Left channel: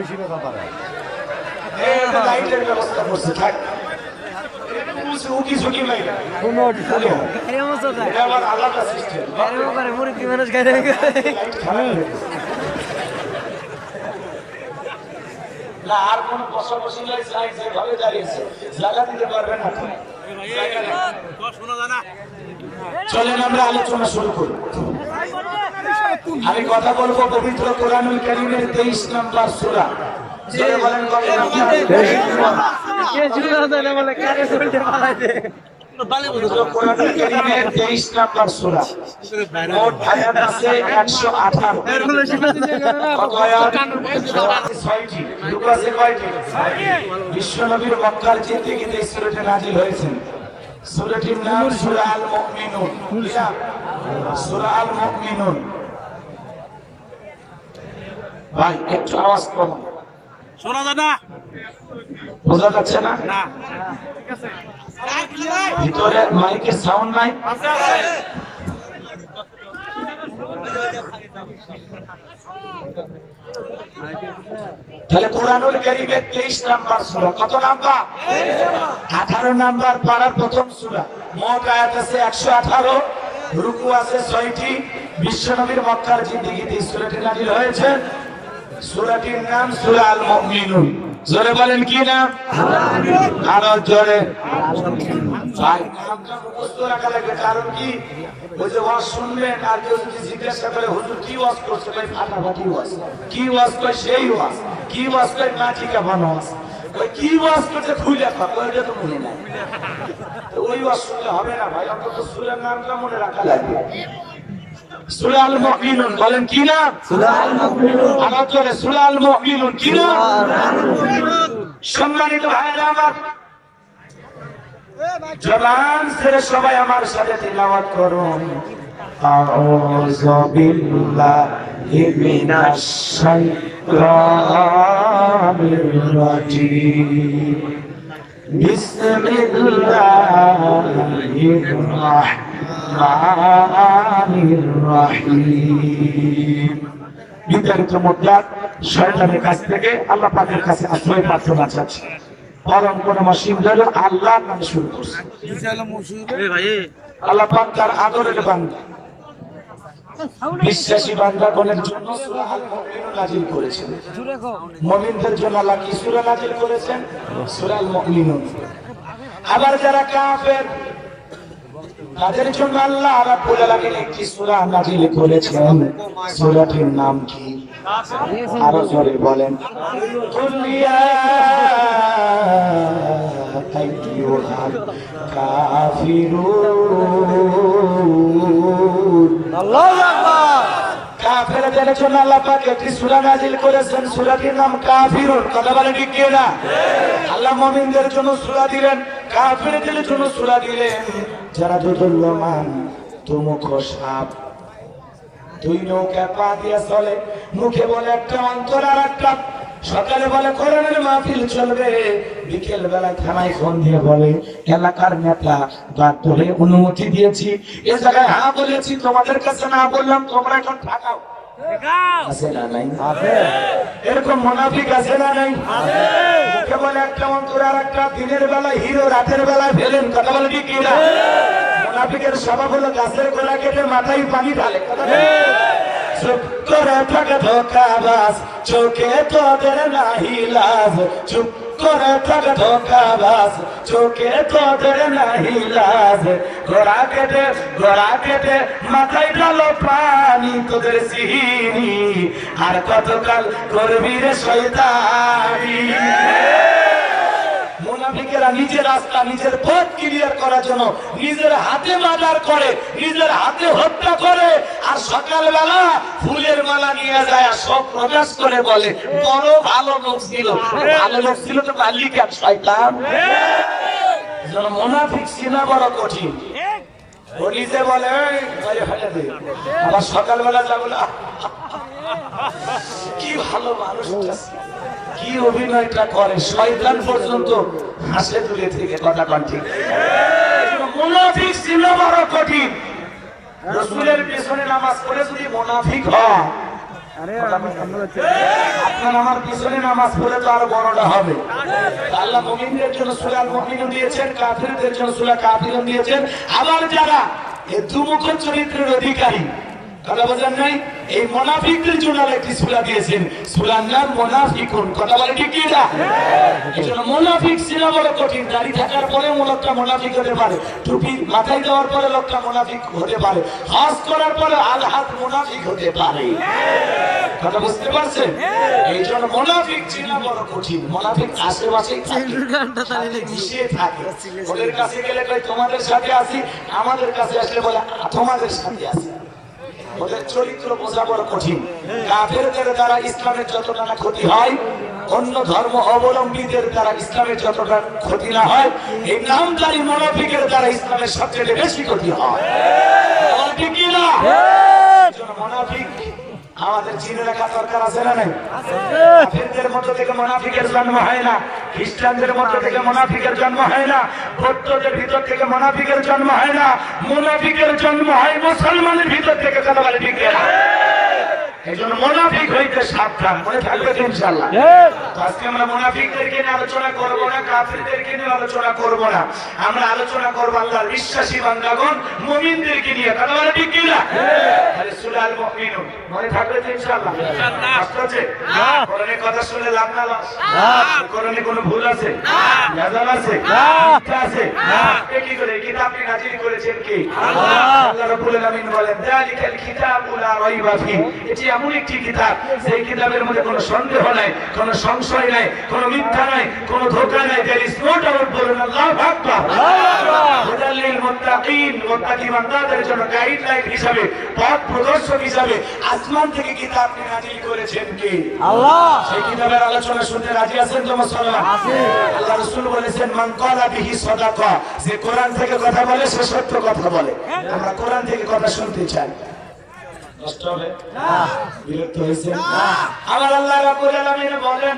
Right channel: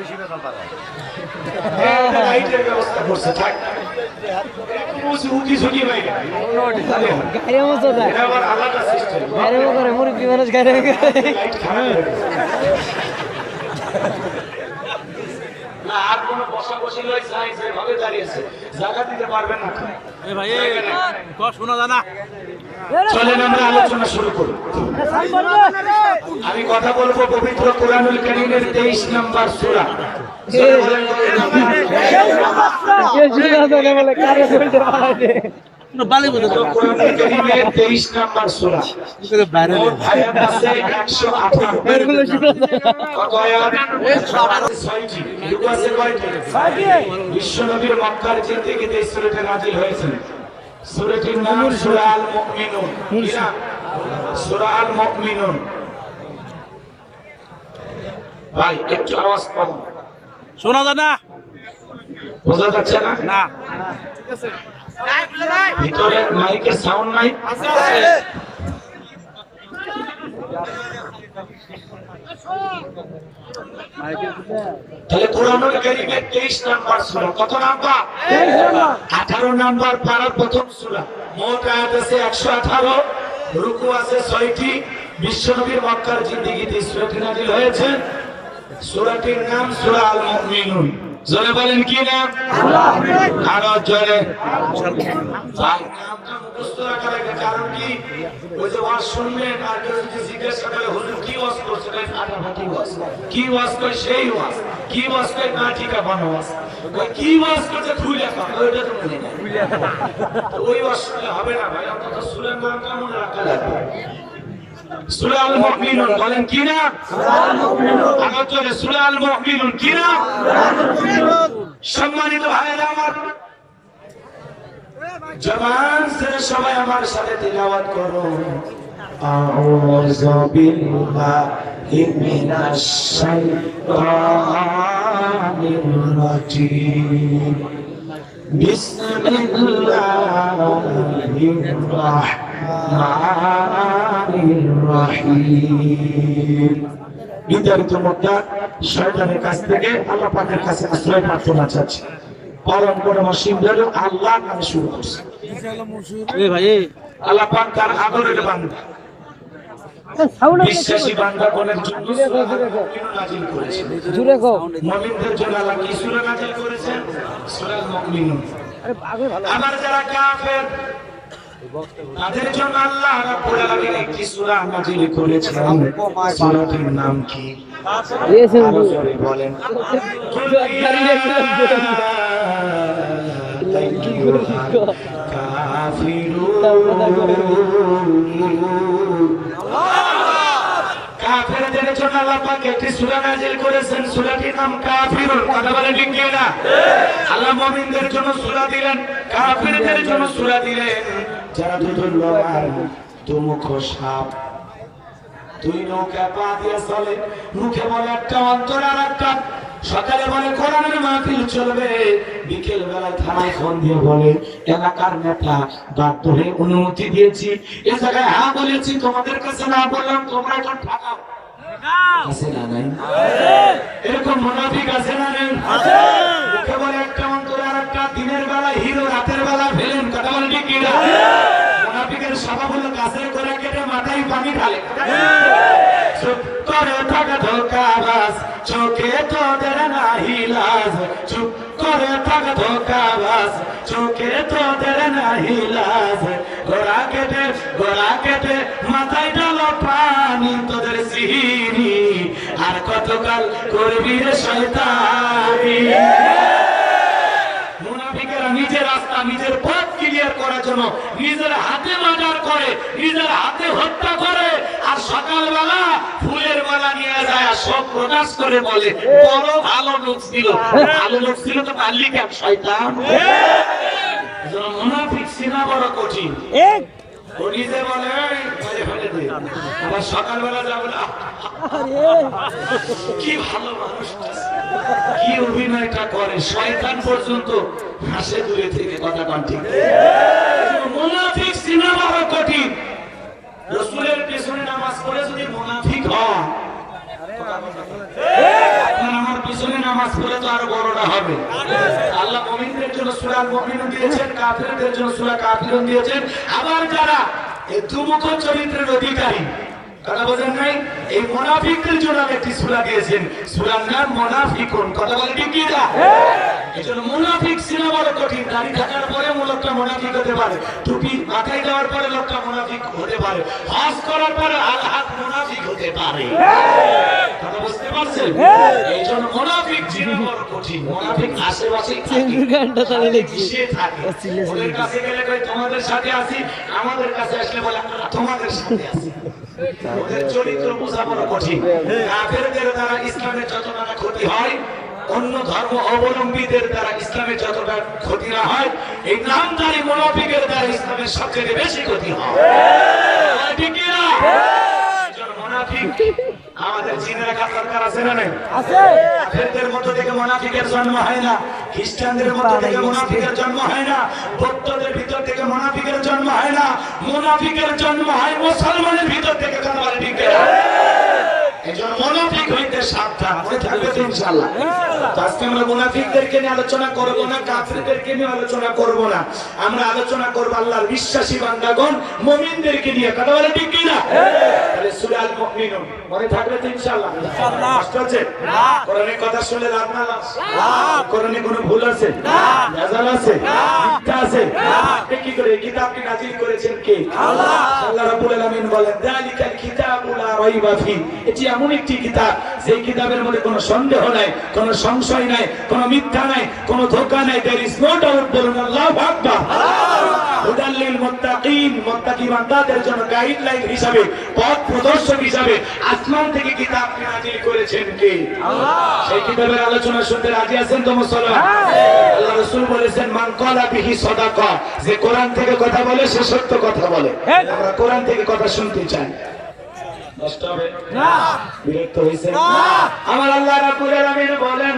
বেশি কথা পারে আর কোন বসা বসি ভাবে দাঁড়িয়েছে জায়গা দিতে পারবেন না। চলেন আমরা আলোচনা শুরু করি। আমি কথা বলবো পবিত্র কোরআনুল কারীমের 23 নম্বর সূরা। বিশ্বনবীর মক্কার জিন্দেগিতে এই সূরাটি নাযিল হয়েছে। সূরাটির নাম সূরা আল মুমিনুন। সূরা আল মুমিনুন। ভাই একটু আওয়াজ কম শোনা যায় না, বোঝা যাচ্ছে না? না ঠিক আছে, ভিতরে মাইকের সাউন্ড নাই? তাহলে কোরআনুল কারীমের 23 নম্বর সূরা। কত নাম্বার? 18 নম্বর পারার প্রথম সূরা। মোট আয়াত আছে 118, রুকু আছে 6টি। বিশ্বনবীর মক্কার জিন্দেগিতে সূরাটি নাযিল হয়েছে। সূরাটির নাম সূরা আল মুমিনুন। জোরে বলেন কি নাম? আরো জোরে। ভাই নামটা মুখস্থ রাখা লাগে, কারণ কি ওই যে ওয়াজ শুনবেন আর কেউ যদি জিজ্ঞাসা করে হুজুর কি ওয়াজ করছেন, এই ফাটাফাটি ওয়াজ, কি ওয়াজ করে সেই ওয়াজ, কি ওয়াজ করে না ঠিক বানো ওয়াজ, কি ওয়াজ করছে খুলে কথা ওইটা তো মনে না, ওই ওয়াজ শুনলে হবে না ভাই। আপনাদের সূরার নামটা মনে রাখা লাগবে। সূরা আল মুমিনুন বলেন কি না? সূরা আল মুমিনুন। আরো জোরে সূরা আল মুমিনুন কি না? সম্মানিত ভাইরা আমার, জবান ছেড়ে সবাই আমার সাথে তিলাওয়াত করুন। আউযু বিল্লাহি মিনাশ শাইতানির রাজিম। বিসমিল্লাহির রাহমানির রাহিম। বিতাড়িত মক্কা শয়তানের কাছ থেকে আল্লাহ পাকের কাছে আশ্রয় প্রার্থনা চাচ্ছি। পরম করুণাময় ধরে আল্লাহ নামে শুরু করছে। আল্লাহ পাক তার আদরের বান্দা বিশ্বাসী বান্দাগণের জন্য সূরা আল মুমিনুন নাযিল করেছেন। মুমিনদের জন্য আল্লাহ কি সূরা নাযিল করেছেন? সূরা আল মুমিনুন। আবার যারা কাফের তাদের জন্য আল্লাহ রাব্বুল আলামিন একটি সূরা নাযিল করেছেন। সূরাটির নাম কি? আরো জোরে বলেন। কাফেরদের জন্য আল্লাহ পাক একটি সূরা নাযিল করেছেন। সূরাটির নাম কাফিরুন। কথা বলেন ঠিক কি না? আল্লাহ মুমিনদের জন্য সূরা দিলেন, কাফেরদের জন্য সূরা দিলেন। যারা দুর্বল তুমুখ সাপ, দুই নৌকা পা দিয়ে চলে, মুখে বলে একটা অন্তর আর একটা। সকালে বলে কোরআনের মাহফিল চলবে, বিকেল বেলায় থানায় ফোন দিয়ে বলে এলাকার নেতা বাধ্য হয়ে অনুমতি দিয়েছি, এ জায়গায় হ্যাঁ বলেছি, তোমাদের কাছে না বললাম, তোমরা এখন ঠাকাও। আছে না নাই? এরকম মুনাফিক আছে না নাই? মুখে বলে একটা অন্তর আর একটা। দিনের বেলায় হিরো, রাতের বেলায় ফেলেন। কথা বলে ঠিক কিনা? মুনাফিকের স্বভাব হলো গাছের গোড়া কেটে মাথায় পানি ঢালে। চুপ করে থাকে ধোঁকাবাজ, চোখে তোদের নাহি লাজ। চুপ করে থাকে ধোঁকাবাজ, চোখে তোদের নাহি লাজ। গোড়া কেটে মাথায় ঢালো পানি, তোদের চিনি আর কতকাল করবি রে শয়তানি। মুনাফিকেরা নিজের রাস্তা, নিজের পথ ক্লিয়ার করার জন্য নিজের হাতে মার্ডার করে, নিজের হাতে হত্যা করে, আর সকালবেলা ফুলের মালা নিয়ে যায়, সব প্রকাশ করে বলে বড় ভালো লোক ছিল। ভালো লোক ছিল তো তার লিখে শয়তান। মুনাফিক চিনা বড় কঠিন। নিজে বলে আবার সকালবেলা যা বলে কি ভালো মানুষ, কি অভিনয়টা করে, শয়তান পর্যন্ত হাসে দূরে থেকে। কথা কন ঠিক? মুনাফিক চিনা বড় কঠিন। রাসূলের পেছনে নামাজ পড়ে যদি মুনাফিক হয়, আপনার আমার নামাজ পড়লে তো আরো বড়টা হবে। আল্লাহ মুমিনদের জন্য সূরা মুমিনুন দিয়েছেন, কাফিরদের জন্য সূরা কাফিরুন দিয়েছেন। আবার যারা এই দুমুখ চরিত্রের অধিকারী, কথা বোঝেন নাই, এই মুনাফিকদের জন্য একটি সূরা দিয়েছেন, সূরার নাম মুনাফিকুন। কথা বলেন ঠিক কি না? এজন্য মুনাফিক চেনা বড় কঠিন। দাড়ি থাকার পরেও লোকটা মুনাফিক হতে পারে, টুপি মাথায় দেওয়ার পরে লোকটা মুনাফিক হতে পারে, হজ করার পরে আলহাদ মুনাফিক হতে পারে। কথা বুঝতে পারছেন? এই জন্য মুনাফিক চেনা বড় কঠিন। মুনাফিক আশেপাশেই থাকে, ওদের কাছে গেলে কয় তোমাদের সাথে আছি, আমাদের কাছে আসলে বলে তোমাদের সাথে আছি। ওদের চরিত্র বোঝা বড় কঠিন। কাফেরদের দ্বারা ইসলামের যতটা ক্ষতি হয়, অন্য ধর্ম অবলম্বীদের দ্বারা ইসলামের যতটা ক্ষতি না হয়, এই নামধারী মুনাফিকের দ্বারা ইসলামের সবচেয়ে বেশি ক্ষতি হয়। আমাদের চিনে রাখা দরকার আছে না? নাই? কাফেরদের মধ্য থেকে মুনাফিকের জন্ম হয় না, খ্রিস্টানদের মধ্য থেকে মুনাফিকের জন্ম হয় না, বৌদ্ধদের ভিতর থেকে মুনাফিকের জন্ম হয় না, মুনাফিকের জন্ম হয় মুসলমানের ভিতর থেকে। কথা বলে ঠিক না? এজন্য মুনাফিক হইতে সাবধান, মনে থাকবে ইনশাআল্লাহ। তো আজকে আমরা মুনাফিকদেরকে নিয়ে আলোচনা করব না, কাফিরদেরকে নিয়ে আলোচনা করব না, আমরা আলোচনা করব আল্লাহর বিশ্বাসী বান্দাগণ মুমিনদেরকে নিয়ে। কথা বলে ঠিক কি না? তাহলে সূরা আল মুমিনুন মনে থাকবে ইনশাআল্লাহ। ইনশাআল্লাহ কষ্ট আছে না? কোরআনের কথা শুনলে লাভ না? না। কোরআনে কোনো ভুল আছে? না। নাজাল আছে? না। মিথ্যা আছে? না। আপনি কি করে কিতাবটি নাজিল করেছেন কে? আল্লাহ। আল্লাহ রাব্বুল আলামিন বলেন যালিকাল কিতাবু লা রাইবা ফি, এটি এমন একটি কিতাব যে কিতাবের মধ্যে কোনো সন্দেহ নাই, কোনো সংশয় নাই, কোনো মিথ্যা নাই, কোনো ধোঁকা নাই। There is no doubt. বলুন আল্লাহু আকবার। হুদাল লিল মুত্তাকিন, মুত্তাকি বান্দাদের জন্য গাইডলাইন হিসাবে, পথ প্রদর্শক হিসাবে আসমান থেকে কিতাব নাযিল করেছেন কে? আল্লাহ। সেই কিতাবের আলোচনা শুনতে রাজি আছেন তো মুসলমান? আল্লাহ রাসূল বলেছেন মান ক্বালা বিহি সাদাকা, যে কোরআন থেকে কথা বলে সে সত্য কথা বলে। আমরা কোরআন থেকে কথা শুনতে চাই। কষ্ট হবে না? বিরক্ত হইছেন না? আমার আল্লাহ রাব্বুল আলামিন বলেন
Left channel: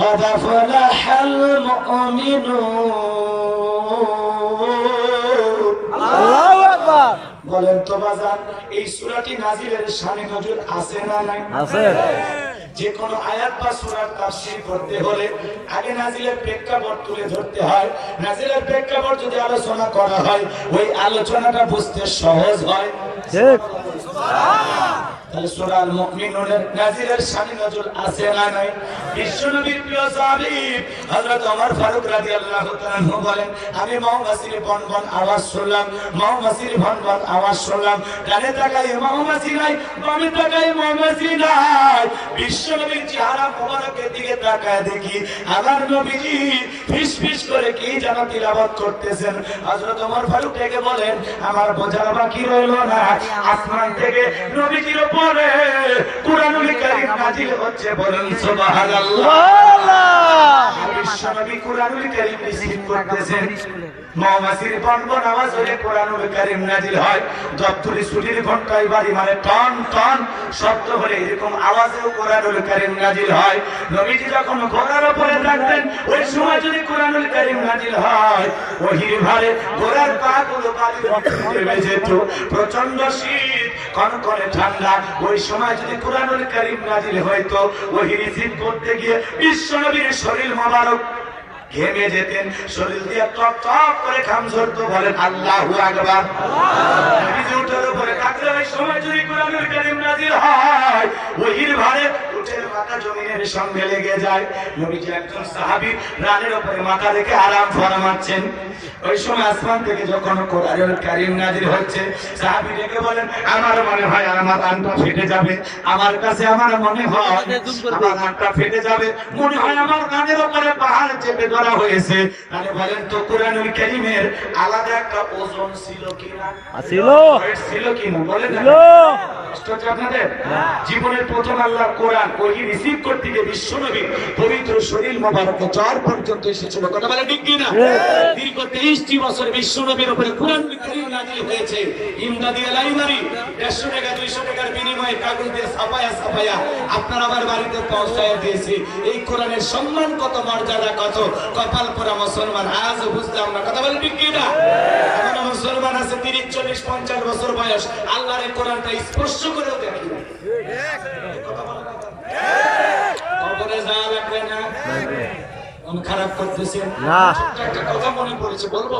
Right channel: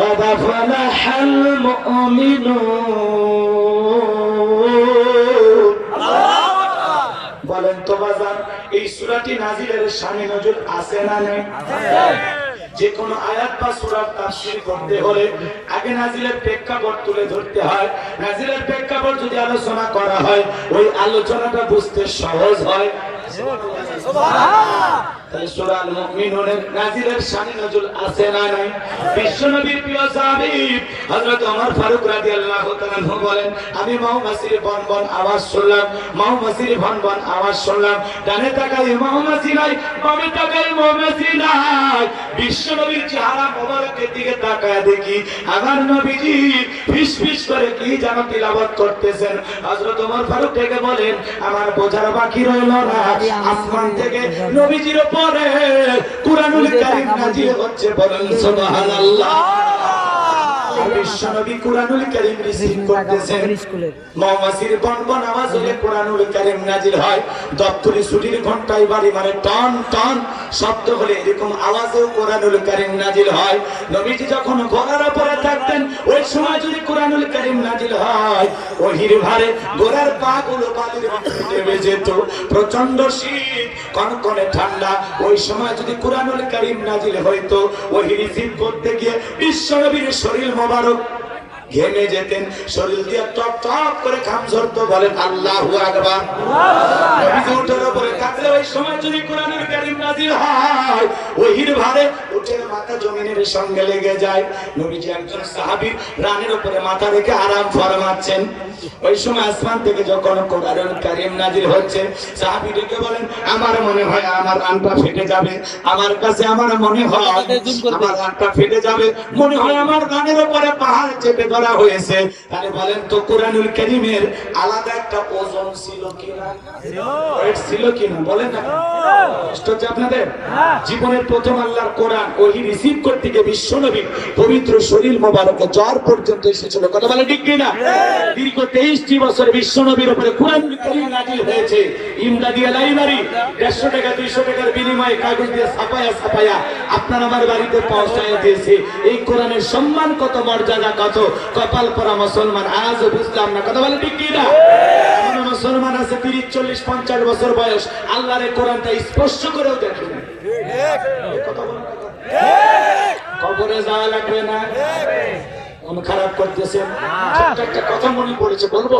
قد فلح المؤمنون। আল্লাহু আকবার। বলেন তো বাজার, এই সূরাটি নাজিলের শানে নজুল আছে না নাই? আছে। যে কোন আয়াত বা সূরার তাফসীর করতে হলে আগে নাজিলের প্রেক্ষাপট তুলে ধরতে হয়। নাজিলের প্রেক্ষাপট যদি আলোচনা করা হয়, ওই আলোচনাটা বুঝতে সহজ হয়। ঠিক। সুবহানাল্লাহ। তাহলে সূরা আল মুমিনুনের নাজিলের শানে নজুল আছে না নাই? বিশ্বনবীর প্রিয় সাহাবী হযরত ওমর ফারুক রাদিয়াল্লাহু তাআলা বলেন আমি মৌমাছির বনবন আওয়াজ শুনলাম, মৌমাছির বনবন আওয়াজ শুনলাম, ডানে তাকাই মৌমাছি নাই, বামে তাকাই মৌমাছি নাই। বিশ্বনবীর চেহারা মোবারকের দিকে তাকায় দেখি আমার নবীজি ফিসফিস করে কি যেন তিলাওয়াত করতেছেন। হযরত ওমর ফারুক থেকে বলেন আমার বোঝার বাকি রইল না, আসমান থেকে নবীজির পরে কুরআনুল কারীম নাযিল হচ্ছে। বলেন সুবহানাল্লাহ। বিশ্বনবী কুরআনুল কারীম রিসিভ করতেছেন, মৌমাছির বনবন আওয়াজ হলে কুরআনুল কারীম নাযিল হয়। দপ্তরি ছুটির ঘন্টায় বাড়ি মারে টন টন শব্দ হলে এরকম আওয়াজে কুরআনুল কারীম নাযিল হয়। নবীজি যখন ঘোড়ার উপরে থাকতেন ওই সময় যদি কুরআনুল কারীম নাযিল হয়, ওহির ভারে ঘোড়ার পাগুলো বালির মধ্যে ডুবে যেত। প্রচন্ড শীত, কনকনে ঠান্ডা, ওই সময় যদি কুরআনুল কারীম নাযিল হইতো, ওহি রিসিভ করতে গিয়ে বিশ্বনবীর শরীর মোবারক ঘেমে যেতেন, শরীর দিয়ে টপ টপ করে ঘাম ঝরতো। বলেন আল্লাহু আকবার। নবীজি উটের উপরে থাকলে ওই সময় যদি কুরআনুল কারীম নাযিল হয়, ওহির ভারে উটের মাথা জমিনের সঙ্গে লেগে যায়। নবীজি একজন সাহাবী রানের উপরে মাথা রেখে আরাম ফরমাচ্ছেন। ওই সময় আসমান থেকে যখন কুরআনুল কারীম নাযিল হচ্ছে, সাহাবী ডেকে বলেন আমার মনে হয় আমার কানটা ফেটে যাবে, আমার কাছে আমার মনে হয় আমার কানটা ফেটে যাবে, মনে হয় আমার কানের উপরে পাহাড় চেপে ধরা হয়েছে। তাহলে বলেন তো কুরআনুল কারীমের আলাদা একটা ওজন ছিল কিনা? ছিল। ওয়েট ছিল কিনা? বলেন না। কষ্ট হচ্ছে আপনাদের? জীবনের প্রথম আল্লাহর কোরআন ওহি রিসিভ করতে গিয়ে বিশ্বনবী পবিত্র শরীর মোবারকে জ্বর পর্যন্ত এসেছিল। কথা বলে ঠিক কিনা? দীর্ঘ 23টি বছর বিশ্বনবীর উপরে কুরআনুল কারীম নাযিল হয়েছে। ইমদাদিয়া লাইব্রেরি 150 টাকা 200 টাকার বিনিময়ে কাগজ দিয়ে ছাপায়া ছাপায়া আপনার আমার বাড়িতে পৌঁছায় দিয়েছে। এই কোরআনের সম্মান কত, মর্যাদা কত, কপাল পরা মুসলমান আজ বুঝলাম না। কথা বলে ঠিক কিনা? এমন মুসলমান আছে 30, 40, 50 বছর বয়স, আল্লাহর এই কোরআনটা স্পষ্ট করেও দেখি না। কবরে কবরে যাওয়া লাগবে না। মন খারাপ করতেছেন, ছোট্ট একটা কথা মনে পড়েছে, বলবো?